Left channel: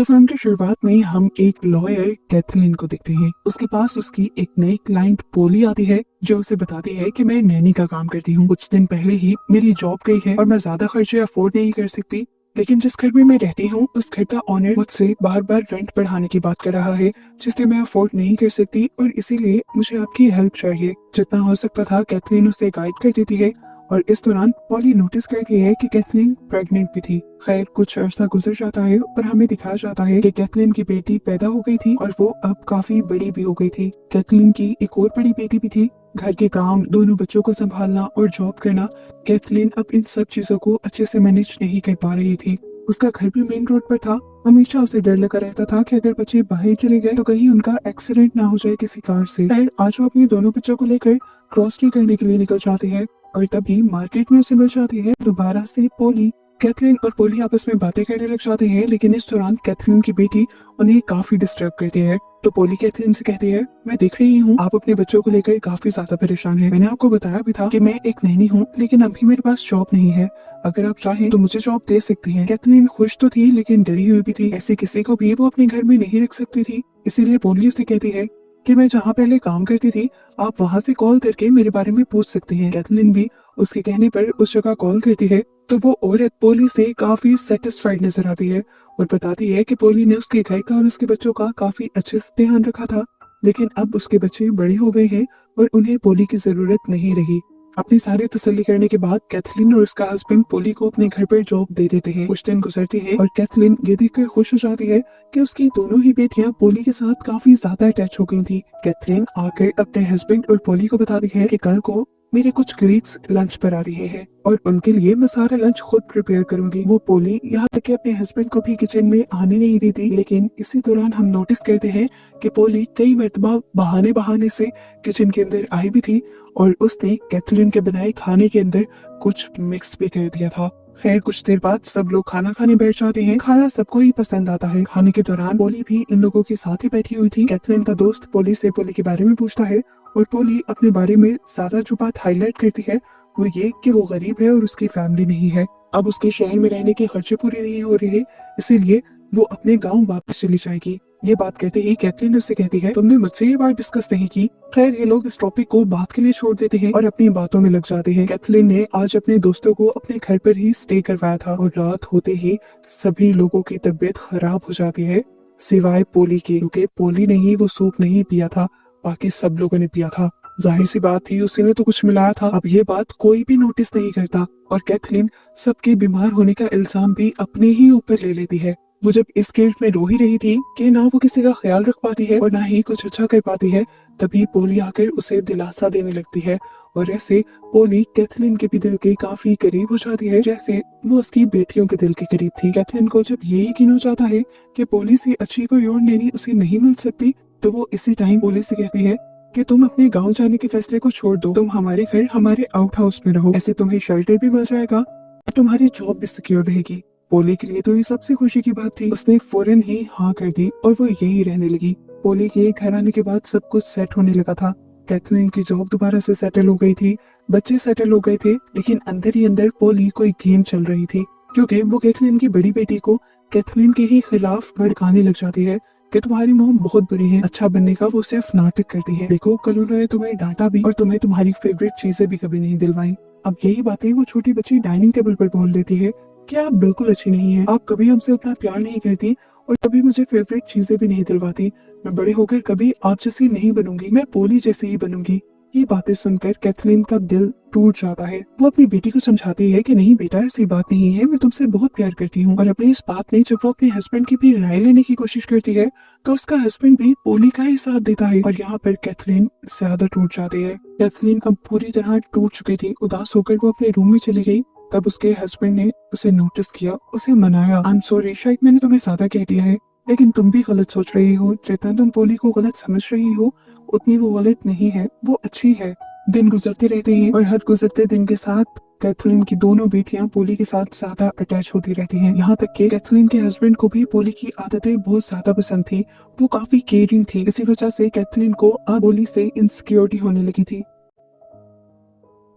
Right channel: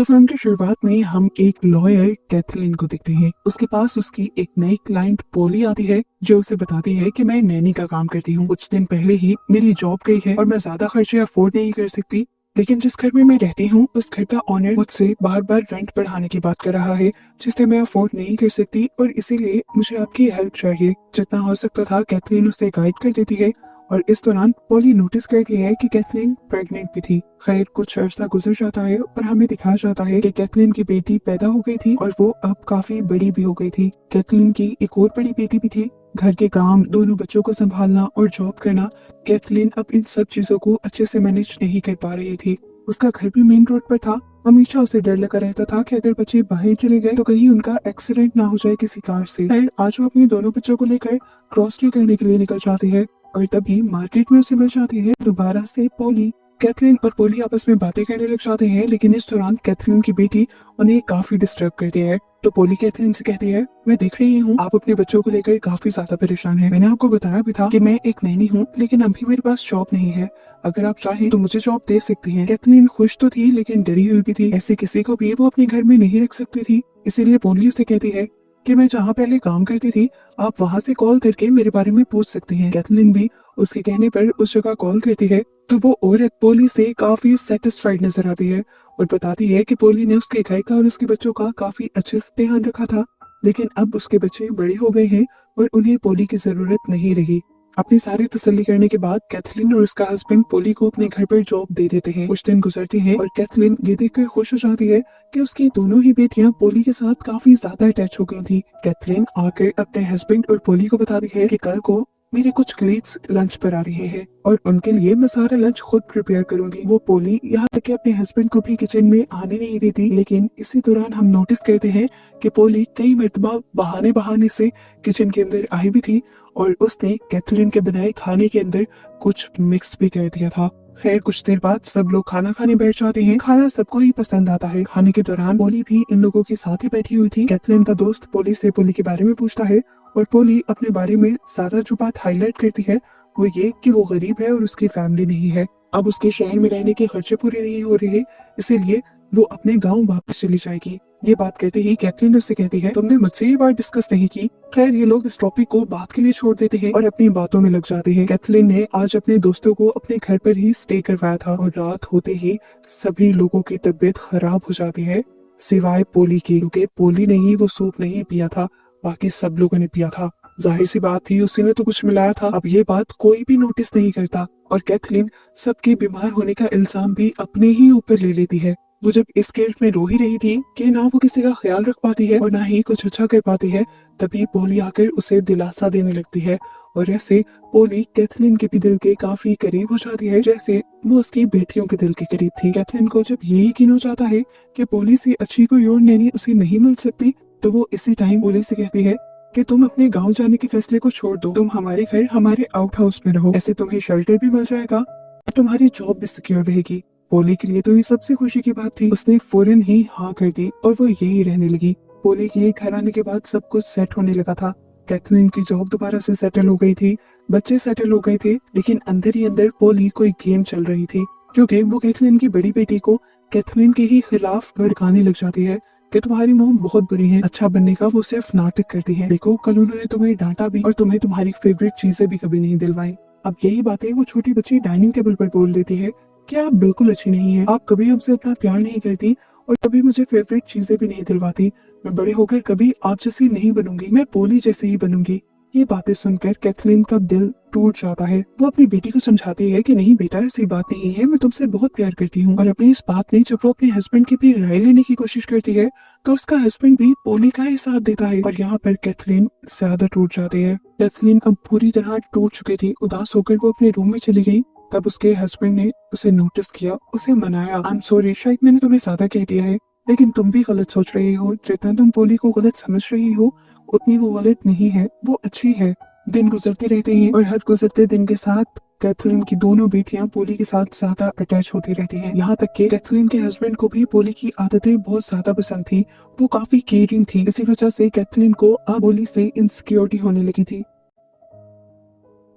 तो फिल्म की शुरुआत में हम एक लॉयर कैथरीन को देखते हैं। उसके पास उसकी एक नई क्लाइंट पोली आती है जो उसे बताती है कि मैं नैनी का काम करती हूँ। कुछ दिन पहले ही मेरी जॉब गई है और मैं ज्यादा खर्चे अफोर्ड नहीं कर सकती। लेकिन जिस घर में मैं रहती हूँ उस घर का ऑनर मुझसे बार बार रेंट बढ़ाने की बात कर रहा है, जिसे मैं अफोर्ड नहीं कर सकती और इसीलिए मुझे आपकी हेल्प चाहिए। जितना हो सकता था कैथरीन उसे गाइड कर देती है और इस दौरान पॉली नोटिस करती है कि कैथरीन प्रेग्नेंट भी थी। खैर कुछ अरसा गुजर जाता है और हमें दिखाया जाता है कि कैथरीन की बेटी पैदा हो गई थी और वो अब काफी बड़ी भी हो गई थी। कैथरीन की एक और बड़ी बेटी भी थी। घर के काम, दोनों बच्चों को संभालना और जॉब करना, कैथरीन अब इन सब चीजों को अच्छे से मैनेज नहीं कर पा रही थी। उसका घर भी मेन रोड पर था। हमेशा उसे डर लगा रहता था कि अगर बच्चे बाहर चले गए तो कहीं उनका एक्सीडेंट ना हो जाए किसी कार से। खैर आज वो अपने दोनों बच्चों को लेकर क्रॉस करने के लिए निकल जाती है और तभी मार्केट में उसे मिल जाती है दोबारा से पोली। कैथरीन और पोली आपस में बातें करने लग जाते हैं, लेकिन इस दौरान कैथरीन की बेटी उन्हें काफी डिस्टर्ब करती है। तो पोली कैथरीन से कहती है, मैं देख रही हूँ आप अपने बच्चों को लेकर काफी ज्यादा परेशान हैं। मैंने आपको बताया भी था कि मैं एक नैनी हूँ, लेकिन अभी मेरे पास जॉब नहीं है। अगर आप चाहें तो मुझे जॉब दे सकती हैं। कैथरीन खुश तो थी लेकिन डरी हुई भी थी। ऐसे किसी को भी वो अपने घर में नहीं रख सकती थी। इसीलिए पोली उसे कहती है कि मैं जहाँ पहले काम करती थी आप वहाँ से कॉल करके मेरे बारे में पूछ सकती हैं। कैथरीन भी उसके कहने पर उस जगह कॉल करती है तो वो औरत पोली से काफी सेटिस्फाइड नजर आती है और बताती है कि पोली ने उसके घर का और उसके बच्चों का काफी अच्छे से ध्यान रखा था, लेकिन अब उसके बच्चे बड़े हो गए हैं और उन्हें पोली की जरूरत नहीं रही। अपनी सारी तसल्ली करने के बाद कैथरीन और उसका हस्बैंड पोली को अपने घर पर जॉब दे देते हैं। कुछ दिन गुजरते हैं और कैथरीन ये देखकर खुश हो जाती है कि उसकी दोनों ही बेटियां पोली के साथ काफी ज्यादा अटैच हो गई थी। कैथरीन आकर अपने हस्बैंड और पोली को बताती है कि कल को मेरे कुछ कलीग्स लंच पर आ रहे हैं और उनके लिए मैं सारा लंच खुद प्रिपेयर करूंगी। वो पोली यहाँ तक कि अपने हस्बैंड को भी किचन में आने नहीं देती, लेकिन इसी दौरान हम नोटिस करते हैं कि पोली कई मर्तबा बहाने बहाने से किचन के अंदर आई भी थी और उसने कैथरीन के बनाए खाने के अंदर कुछ मिक्स भी कर दिया था। खैर कुछ देर बाद सब लोग खाना खाने बैठ जाते हैं। खाना सबको ही पसंद आता है। खाने के दौरान पोली भी इन लोगों के साथ ही बैठी हुई थी। कैथरीन का दोस्त पोली से पोली के बारे में पूछता है और पोली अपने बारे में ज्यादा जो बात हाईलाइट करती है वो ये कि वो गरीब है और उसकी फैमिली नहीं है। अब उसके शहर में रहने के खर्चे पूरे नहीं हो रहे, इसीलिए वो अपने गांव वापस चली जाएगी। ये बात कहते ही कैथरीन उससे कहती है, तुमने मुझसे ये बात डिस्कस नहीं की। खैर ये लोग इस टॉपिक को बात के लिए छोड़ देते हैं और अपनी बातों में लग जाते हैं। कैथरीन ने आज अपने दोस्तों को अपने घर पर ही स्टे करवाया था और रात होते ही सभी लोगों की तबीयत खराब हो जाती है सिवाय पोली की, क्योंकि पोली ने ही वो सूप नहीं पिया था, बाकी सब लोगों ने पिया था। जाहिर सी बात थी उसी ने तो कुछ मिलाया था। अब ये बात कोई भी नोटिस नहीं करता और कैथरीन सबके बीमार होने का इल्जाम भी अपने ही ऊपर ले लेती है। वो जब इस गिल्ट में रो ही रही थी कि ना वो किसी का ख्याल रख पाती है और ना ही कुछ अच्छा कर पाती है, तभी पोली आकर उसे दिलासा देने लगती है और ऐसे पोली कैथरीन के भी दिल के काफी करीब हो जाती है, जैसे वो उसकी बेटियों के दिल के करीब थी। कैथरीन को जब ये यकीन हो जाता है कि पोली से अच्छी कोई और नैनी उसे नहीं मिल सकती, तो वो इसी टाइम पोली से कहती है कि तुम अपने गांव जाने के फैसले को छोड़ दो, तुम हमारे घर हमारे आउट हाउस में रहो, ऐसे तुम्हें शेल्टर भी मिल जाएगा और तुम्हारी जॉब भी सिक्योर रहेगी। पोली के लिए तो ये सबसे खुशी की बात थी। उसने फौरन ही हाँ कर दी और वो यही रहने लगी। पोली के घर आने के बाद सब कुछ सेट होने लगा था। कैथरीन की जॉब दोबारा से सेटल हो गई थी, बच्चे सेटल हो गए थे, लेकिन अंदर ही अंदर पोली कोई गेम चल रही थी, क्योंकि वो कैथरीन की बड़ी बेटी को कैथरीन के ही खिलाफ भड़काने लग जाती है कि तुम्हारी मोम बहुत बुरी है, अच्छा बनने का वो सिर्फ नाटक करती है। देखो कल उन्होंने तुम्हें डांटा भी और तुम्हें तुम्हारी फेवरेट चीजें भी कभी नहीं दिलवाई। अब यही बातें वो छोटी बच्ची डाइनिंग टेबल पर बोल देती है कि आप बिल्कुल अच्छी नहीं है, आप कभी हमसे उतना प्यार नहीं करती और कभी मुझे फेवरेट चीजें भी नहीं दिलवाती। मैं बड़े होकर कभी आप जैसी नहीं बनूंगी, मैं पोली जैसी ही बनूंगी। ये बातें सुनकर कैथरीन का दिल टूट जाता है। वो अपनी बेटी को समझाती है कि नहीं बेटा ऐसी बात नहीं है, मैं तुमसे बहुत प्यार करती हूँ। और अपनी इस बात में जब वो अपने हस्बैंड की भी राय लेने की कोशिश करती है तो उसका हस्बैंड भी पोली का ही साथ देता है और यहाँ पर कैथरीन ज्यादा टूट जाती है। कैथरीन अब पूरी तरह टूट चुकी थी। उदास होकर वो अपने रूम में चली गई। तब उसके हस्बैंड ने उसे नोटिस किया, उसे मनाया। आई एम सॉरी, शायद मैंने तुम्हें ज्यादा कह दिया है, लेकिन तुम भी गलत सोच रही हो। जितना तुम पोली को गलत समझ रही हो उतनी वो गलत नहीं है, वो अच्छी है। दिन गुजरती रहती है और हर गुजरते दिन के साथ कैथरीन की दोनों बेटियां पोली के साथ ज्यादा अटैच होती रहती हैं। यहाँ तक कि कैथरीन के हस्बैंड को भी पोली की आदतें बहुत ज्यादा पसंद थी। वो काफी केयरिंग थी। इसी वजह से कैथरीन को अब पोली से इनसिक्योरिटी होने लगी थी।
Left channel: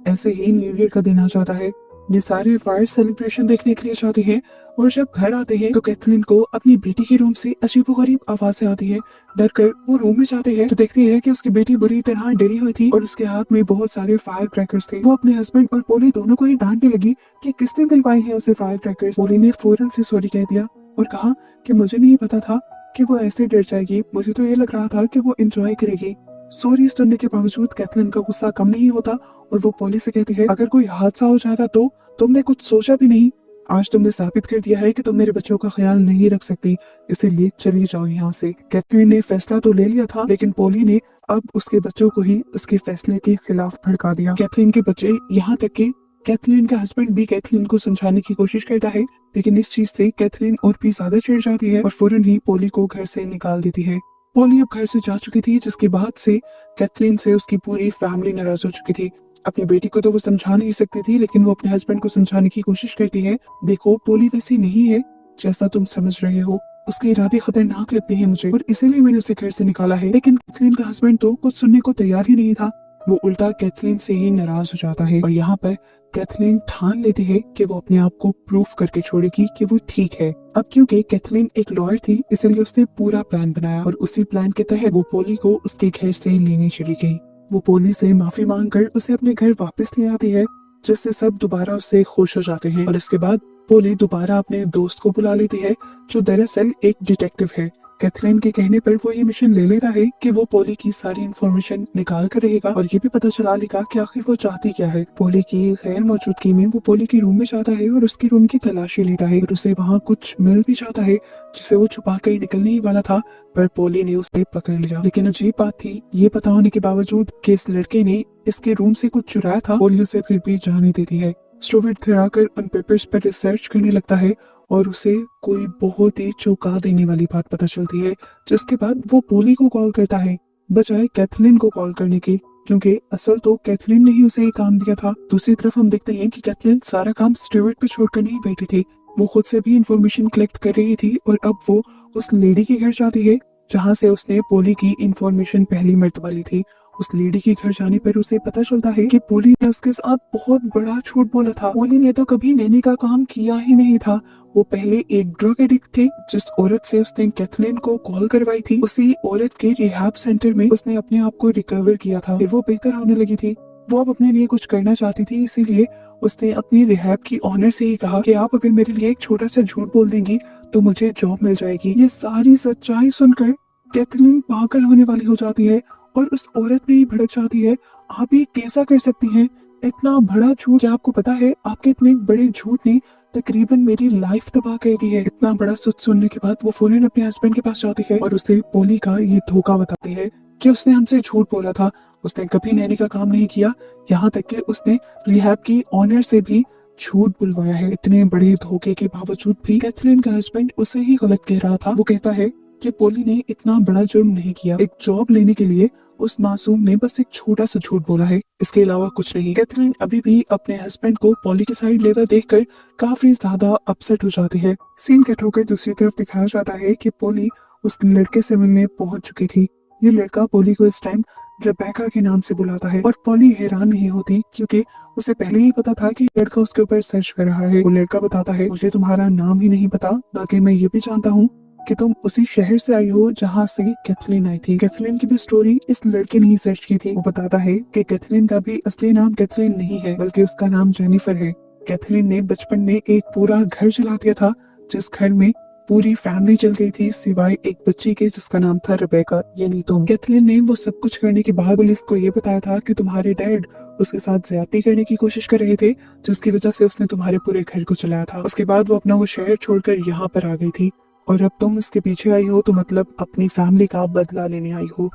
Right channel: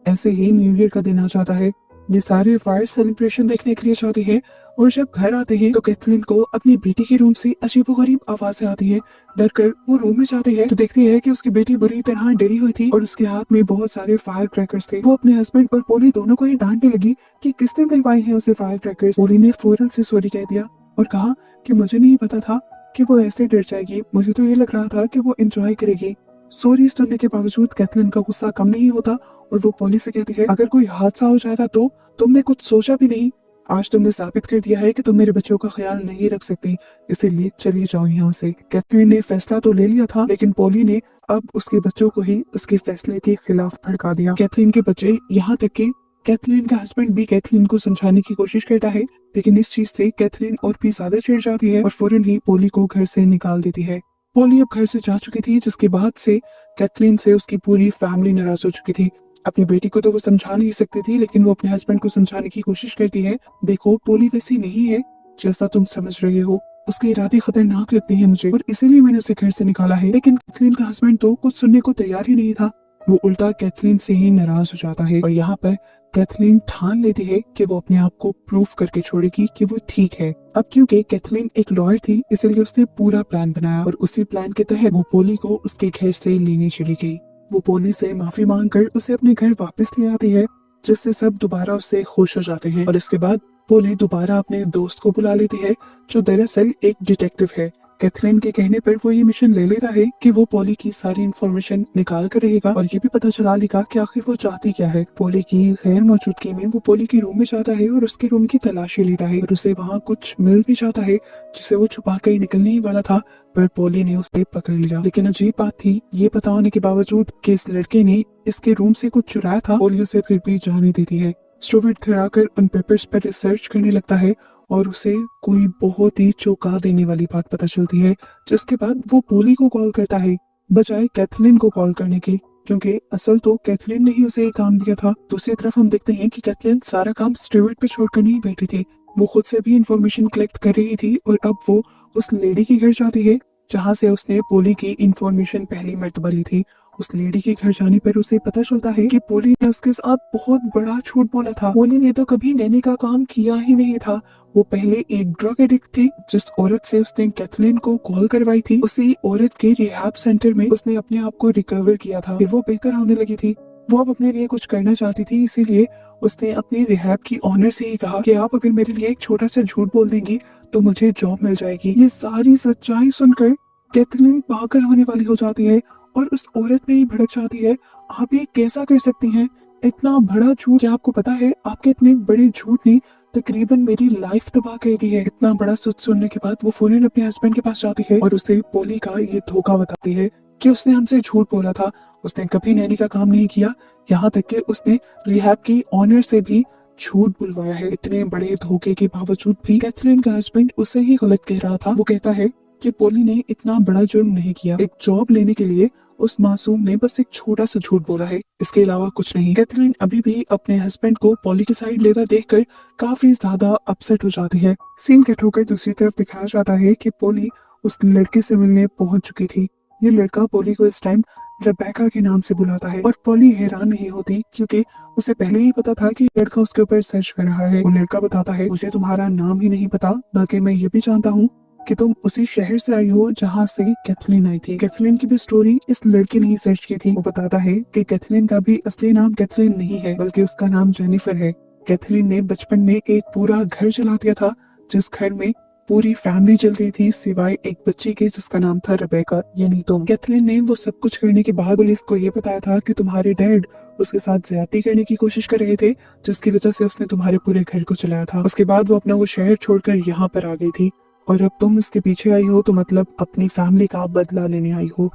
ऐसे ही न्यू ईयर का दिन आ जाता है। ये सारे फायर सेलिब्रेशन देखने के लिए जाते हैं और जब घर आते हैं तो कैथरीन को अपनी बेटी के रूम से अजीबोगरीब आवाजें आती है। डर कर वो रूम में जाती है तो देखती है कि उसकी बेटी बुरी तरह डरी हुई थी और उसके हाथ में बहुत सारे फायर क्रैकर्स थे। वो अपने हस्बैंड और पोली दोनों को ही डांटने लगी कि किसने दिलवाए हैं उसे फायर क्रैकर्स। पोली ने फौरन से सॉरी कह दिया और कहा कि मुझे नहीं पता था कि वो ऐसे डर जाएगी, मुझे तो ये लग रहा था कि वो एंजॉय करेगी। सॉरी सुनने के बावजूद कैथरीन का गुस्सा कम नहीं होता और वो पोली से कहती है, अगर कोई हादसा हो जाएगा तो तुमने कुछ सोचा भी नहीं। आज तुमने साबित कर दिया है कि तुम मेरे बच्चों का ख्याल नहीं रख सकती, इसीलिए चली जाओ यहाँ से। कैथरीन ने फैसला तो ले लिया था लेकिन पोली ने अब उसके बच्चों को ही उसके फैसले के खिलाफ भड़का दिया। कैथरीन के बच्चे, यहाँ तक कि कैथरीन का हस्बैंड भी कैथरीन को समझाने की कोशिश करता है, लेकिन इस चीज से कैथरीन और भी ज्यादा चिढ़ जाती है और फौरन ही पोली को घर से निकाल देती है। पोली अब घर से जा चुकी थी जिसके बाद से कैथरीन से उसकी पूरी फैमिली नाराज हो चुकी थी। अपनी बेटी को तो वो समझा नहीं सकती थी लेकिन वो अपने हस्बैंड को समझाने की कोशिश करती है, देखो पोली वैसी नहीं है जैसा तुम समझ रहे हो, उसके इरादे खतरनाक लगते हैं मुझे और इसीलिए मैंने उसे घर से निकाला है। लेकिन कैथरीन का हस्बैंड तो कुछ सुनने को तैयार ही नहीं था, वो उल्टा कैथरीन से ही नाराज हो जाता है और यहाँ पर कैथरीन ठान लेती है कि वो अपने आप को प्रूफ करके छोड़ेगी कि वो ठीक है। अब क्योंकि कैथरीन एक लॉयर थी इसलिए उसने पूरा प्लान बनाया और उसी प्लान के तहत वो पोली को उसके घर से लेने चली गई। वो पोली से माफी मांगकर उसे अपने घर वापस ले आती है जिससे सब दोबारा उससे खुश हो जाते हैं और इसके बाद पोली दोबारा अपने दोस्त को बुला लेती है जो दरअसल एक डिटेक्टिव है। कैथरीन के कहने पर वो ये मिशन ले लेता है कि वो पोली की सारी इंफॉर्मेशन निकाल कर रहेगा और ये भी पता चला लेगा कि आखिर वो चाहती क्या है। पोली की गैर मौजूदगी में वो पोली के रूम में जाता है और उसके रूम की तलाशी लेता है और उसे वहाँ कुछ मिल भी जाता है जिसे वो छुपा कर निकलने ही वाला था, पर पोली ने उसे पकड़ लिया। लेकिन अजीब बात थी, ये पता होने के बावजूद कि इस लड़के ने इसके रूम से कुछ चुराया था, पोली उसे फिर भी जाने देती है। स्टूवर्ट घर आकर उन पेपर्स पर रिसर्च करने लगता है और उसे कोई बहुत ही चौंका देने वाली बात पता चलती है, जिसके बाद वो पोली को कॉल करता है बजाय कैथरीन को कॉल करने की, क्योंकि असल तो कैथरीन ने ही उसे ये काम दिया था। दूसरी तरफ हम देखते हैं कि कैथरीन सारा काम स्टूवर्ट पे छोड़कर नहीं बैठी थी, वो खुद से भी इंफॉर्मेशन कलेक्ट कर रही थी और अब वो उस लेडी के घर जाती है जहाँ से उसने पोली की इंफॉर्मेशन पहली मर्तबा ली थी। उस लेडी के घर जाने पर उसे पता चलता है कि पोली ने उसके साथ बहुत बड़ा झूठ बोला था। पोली ने तो कभी नैनी का काम किया ही नहीं था, वो पहले एक ड्रग एडिक्ट थी। जिस औरत से उसने कैथरीन को कॉल करवाई थी उसी औरत के रिहैब सेंटर में उसने अपने आप को रिकवर किया था, फिर वो बेहतर होने लगी थी। वो अब अपने लिए कुछ करना चाहती थी, इसीलिए उसने अपने रिहैब की ऑनर से ही कहा कि आप अगर मेरे लिए एक छोटा सा झूठ बोल देंगी तो मुझे जॉब मिल जाएगी। ये सारी सच्चाई सुनकर कैथरीन पागल होने वाली हो जाती है और उस औरत पे ही भड़क जाती है, आप ये कैसा कर सकती हैं, इतना बड़ा झूठ। क्या आपको पता है आपके इतने बड़े झूठ ने तकरीबन मेरी लाइफ तबाह कर दी है। इतना बड़ा सच सुनने के बाद वो फौरन अपने हस्बैंड के पास जाती है और उसे पोली का ये धोखा बताती है कि उसने हमसे झूठ बोला था, उसने कभी नैनी का काम नहीं किया, यहाँ तक कि उसने रिहैब की ऑनर से भी झूठ बुलवाया है। इतने बड़े धोखे के बावजूद भी कैथरीन का हस्बैंड उसे ही गलत कह रहा था। वो कहता है कि पोली ने इतना बड़ा जुर्म नहीं किया, एक जॉब लेने के लिए उस मासूम ने बस एक छोटा सा झूठ बोला है, इसके अलावा कुछ नहीं। कैथरीन अभी भी अपने हस्बैंड को पोली की साइड लेता देखकर काफी ज्यादा अपसेट हो जाती है। सीन कट होकर दूसरी तरफ दिखाया जाता है कि पोली उस लड़के से मिलने पहुंच चुकी थी। ये लड़का पोली को इस टाइम रेबेका के नाम से बुलाता है और पोली हैरान नहीं होती क्योंकि उसे पहले ही पता था कि लड़का उसके ऊपर सर्च कर रहा है। वो लड़का बताता है, मुझे तुम्हारा नाम ही नहीं पता, बल्कि मैं ये भी जानता हूँ कि तुम उसी शहर से आई हो जहाँ से कैथरीन आई थी। कैथरीन की भी स्टोरी इस लड़के ने ही सर्च की थी। वो बताता है कि कैथरीन का भी असली नाम कैथरीन नहीं है बल्कि उसका नाम जेनिफर है। कैथरीन ने बचपन में एक पूरा घर चला दिया था जिस घर में पूरी फैमिली चल गई थी सिवाय एक बच्ची के जिसका नाम था रेबेका, यानी तुम। कैथरीन ने वो सब कुछ करने के बाद पुलिस को ये बताया था कि तुम्हारे डैड उसके साथ ज्यादती करने की कोशिश कर रहे थे जिसकी वजह से उसने तुम्हारे पूरे घर को चलाया था। उसके बाद वो अपना वो शहर छोड़कर यहाँ पर आ गई थी और अब तुम इसके पीछे आई हो तो मतलब अपनी फैमिली का बदला लेने आई हो।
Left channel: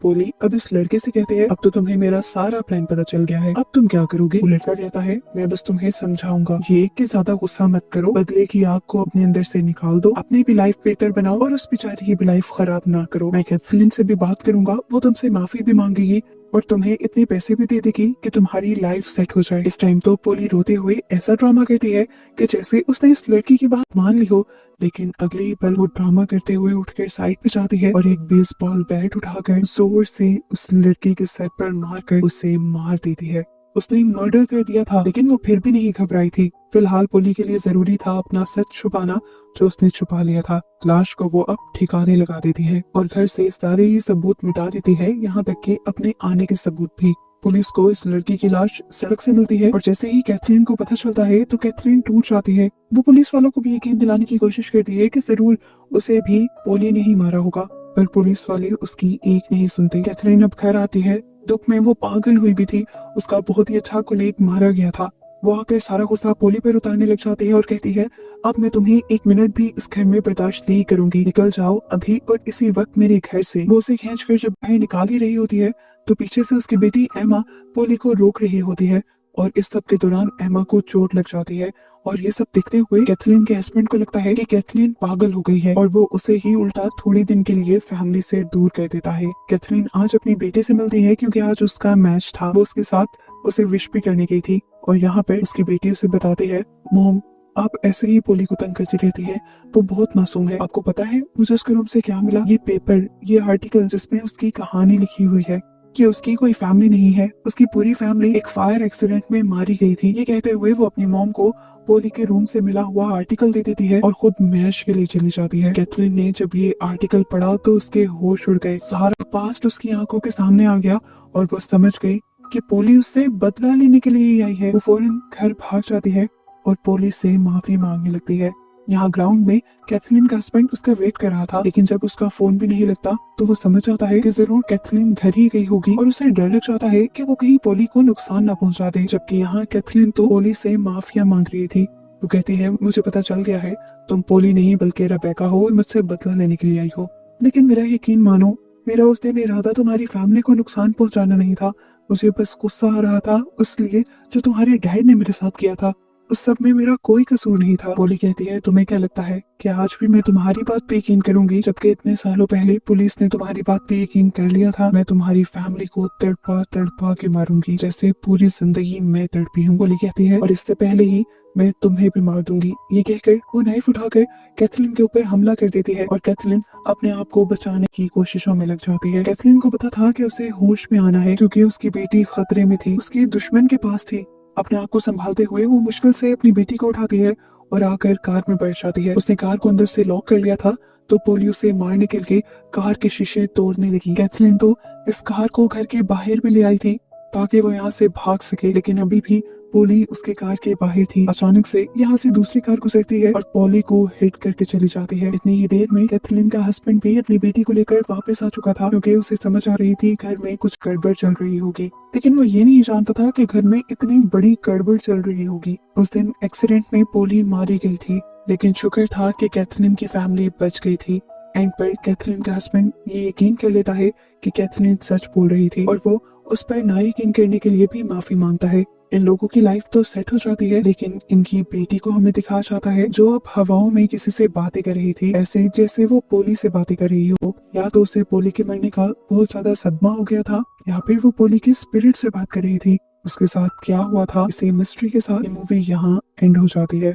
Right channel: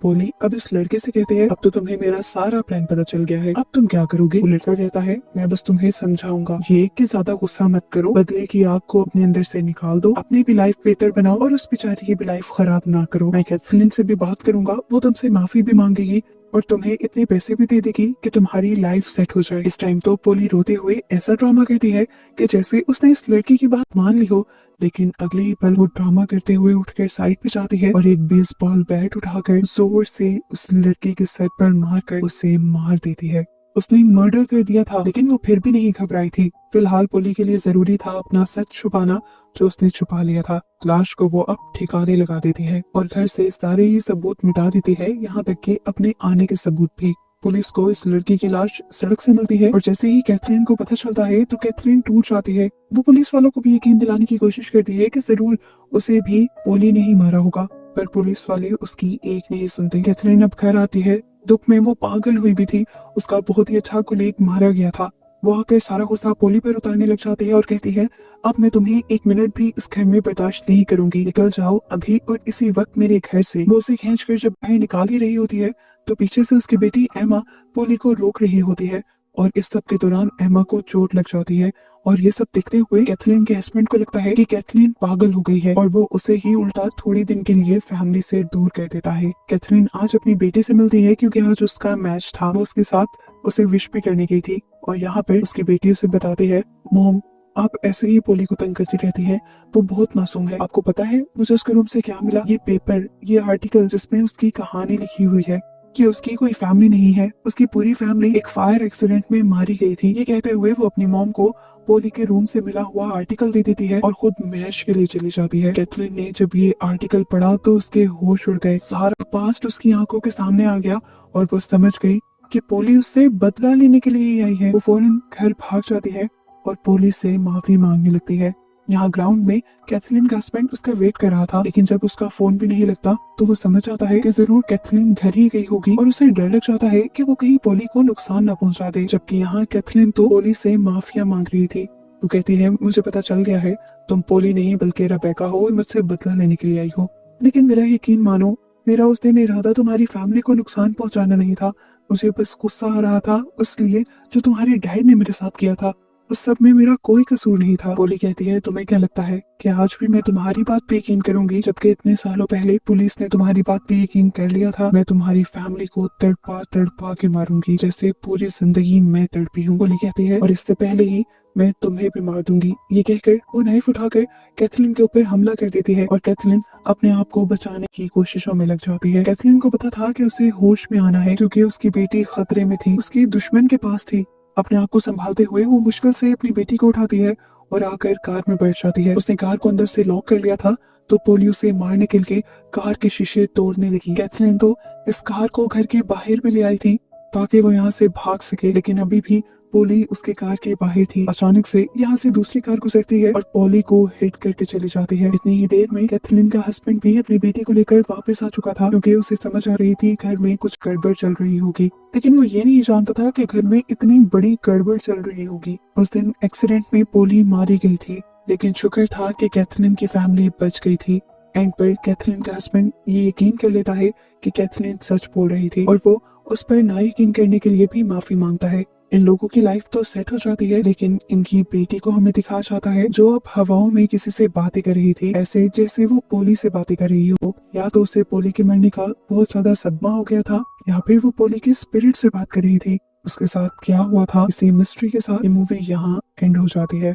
पोली अब इस लड़के से कहते हैं, अब तो तुम्हें मेरा सारा प्लान पता चल गया है, अब तुम क्या करोगे। वो लड़का कहता है, मैं बस तुम्हें समझाऊंगा, ये कि ज्यादा गुस्सा मत करो, बदले की आग को अपने अंदर से निकाल दो, अपनी भी लाइफ बेहतर बनाओ और उस बेचारी की भी लाइफ खराब ना करो। मैं कैथरीन से भी बात करूंगा, वो तुमसे माफी भी मांगेगी और तुम्हें इतने पैसे भी दे देगी कि तुम्हारी लाइफ सेट हो जाए। इस टाइम तो पोली रोती हुई ऐसा ड्रामा करती है कि जैसे उसने इस लड़की की बात मान ली हो, लेकिन अगले ही पल वो ड्रामा करते हुए उठकर साइड पे जाती है और एक बेसबॉल बैट उठाकर जोर से उस लड़की के सर पर मारकर उसे मार देती है। उसने मर्डर कर दिया था, लेकिन वो फिर भी नहीं घबराई थी। फिलहाल पोली के लिए जरूरी था अपना सच छुपाना, जो उसने छुपा लिया था। लाश को वो अब ठिकाने लगा देती है और घर से सारे ही सबूत मिटा देती है, यहाँ तक कि अपने आने के सबूत भी। पुलिस को इस लड़की की लाश सड़क से मिलती है और जैसे ही कैथरीन को पता चलता है तो कैथरीन टूट जाती है। वो पुलिस वालों को भी यकीन दिलाने की कोशिश करती है कि जरूर उसे भी पोली ने ही मारा होगा, पर पुलिस वाले उसकी एक नहीं सुनते। कैथरीन अब घर आती है। दुख में वो पागल हुई भी थी, उसका बहुत ही अच्छा कोलीग मारा गया था। वो आकर सारा गुस्सा पोली पर उतारने लग जाती है और कहती है, अब मैं तुम्हें एक मिनट भी इस घर में बर्दाश्त नहीं करूंगी, निकल जाओ अभी और इसी वक्त मेरे घर से। वो उसे खींच कर जब बाहर निकाल ही रही होती है तो पीछे से उसकी बेटी एमा पोली को रोक रही होती है और इस सब के दौरान एमा को चोट लग जाती है। और ये सब देखते हुए कैथरीन के हस्बैंड को लगता है कि कैथरीन पागल हो गई है और वो उसे ही उल्टा थोड़े दिन के लिए फैमिली से दूर कर देता है। कैथरीन आज अपनी बेटी से मिलती है क्योंकि आज उसका मैच था। वो उसके साथ उसे विश भी करने गई थी और यहाँ पर उसकी बेटी उसे बताती है, मोम आप ऐसे ही पोली को तंग करती रहती है, वो बहुत मासूम है। आपको पता है मुझे उसके रूम से क्या मिला? ये पेपर, ये आर्टिकल जिसमें उसकी कहानी लिखी हुई है कि उसकी कोई फैमिली नहीं है, उसकी पूरी फैमिली एक फायर एक्सीडेंट में मारी गई थी। ये कहते हुए वो अपनी मॉम को पोली के रूम से मिला हुआ आर्टिकल दे देती है और खुद मैच के लिए चली जाती है। कैथरीन ने जब ये आर्टिकल पढ़ा तो उसके होश उड़ गए, सारा पास्ट उसकी आंखों के सामने आ गया और वो समझ गई कि पोली उससे बदला लेने के लिए ही आई है। वो फौरन घर भाग जाती है और पोली से माफी मांगने लगती है। यहाँ ग्राउंड में कैथरीन का हस्बैंड उसका वेट कर रहा था, लेकिन जब उसका फोन भी नहीं लगता तो वो समझ जाता है कि जरूर कैथरीन घर ही गई होगी और उसे डर लग जाता है कि वो कहीं पोली को नुकसान ना पहुंचा दे। जबकि यहाँ कैथरीन तो पोली से माफिया मांग रही थी। वो कहती है, मुझे पता चल गया है तुम पोली नहीं बल्कि रेबेका हो और मुझसे बदला लेने के लिए आई हो, लेकिन मेरा यकीन मानो, मेरा उस दिन इरादा तुम्हारी फैमिली को नुकसान पहुंचाना नहीं था। मुझे बस गुस्सा आ रहा था इसलिए जो तुम्हारे डैड ने मेरे साथ किया था उस सब में मेरा कोई कसूर नहीं था। पोली कहती है, तुम्हें क्या लगता है कि आज भी मैं तुम्हारी बात पे यकीन करूंगी, जबकि इतने सालों पहले पुलिस ने तुम्हारी बात पे यकीन कर लिया था। मैं तुम्हारी फैमिली को तड़पा तड़पा के मारूंगी जैसे पूरी जिंदगी मैं तड़पी हूँ। पोली कहती है, और इससे पहले ही मैं तुम्हें भी मार दूंगी। ये कहकर वो नाइफ उठाकर कैथरीन के ऊपर हमला कर देती है और कैथरीन अपने आप को बचाने की कोशिशों में लग जाती है। कैथरीन को पता था कि उसे होश में आना है क्योंकि उसकी बेटी खतरे में थी, उसकी दुश्मन के पास थी। अपने आप को संभालते हुए वो मुश्किल से अपनी बेटी को उठाती है और आकर कार में बैठ जाती है। उसने कार को अंदर से लॉक कर लिया था तो पोली उसे मारने के लिए कार के शीशे तोड़ने लगी। कैथरीन तो इस कार को घर के बाहर में ले आई थी ताकि वो यहाँ से भाग सके, लेकिन अभी भी पोली उसके कार के बाहर थी। अचानक से यहाँ से दूसरी कार गुजरती है और पोली को हिट करके चली जाती है। इतनी ही देर में कैथरीन का हस्बैंड भी अपनी बेटी को लेकर वापस आ चुका था क्योंकि उसे समझ आ रही थी घर में कुछ गड़बड़ चल रही होगी, लेकिन वो ये नहीं जानता था कि घर में इतनी बड़ी गड़बड़ चल रही होगी। उस दिन एक्सीडेंट में पोली मारी गई थी, लेकिन शुक्र था कि कैथरीन की फैमिली बच गई थी। एंड पर कैथरीन का हस्बैंड ये यकीन कर लेता है कि कैथरीन सच बोल रही थी और वो उस पर ना यकीन करने के लिए भी माफी मांगता है। इन लोगों की लाइफ तो सेट हो जाती है, लेकिन इनकी बेटी को हमें दिखाया जाता है जो अब हवाओं में किसी से बातें कर रही थी, ऐसे जैसे वो पोली से बातें कर रही हो। या तो उसे पोली के मरने का बहुत ज्यादा सदमा हो गया था या फिर वो पोली की स्पिरिट से बात कर रही थी। उसके साथ क्या हुआ था, इसी मिस्ट्री के साथ ये मूवी यहाँ एंड हो जाती है।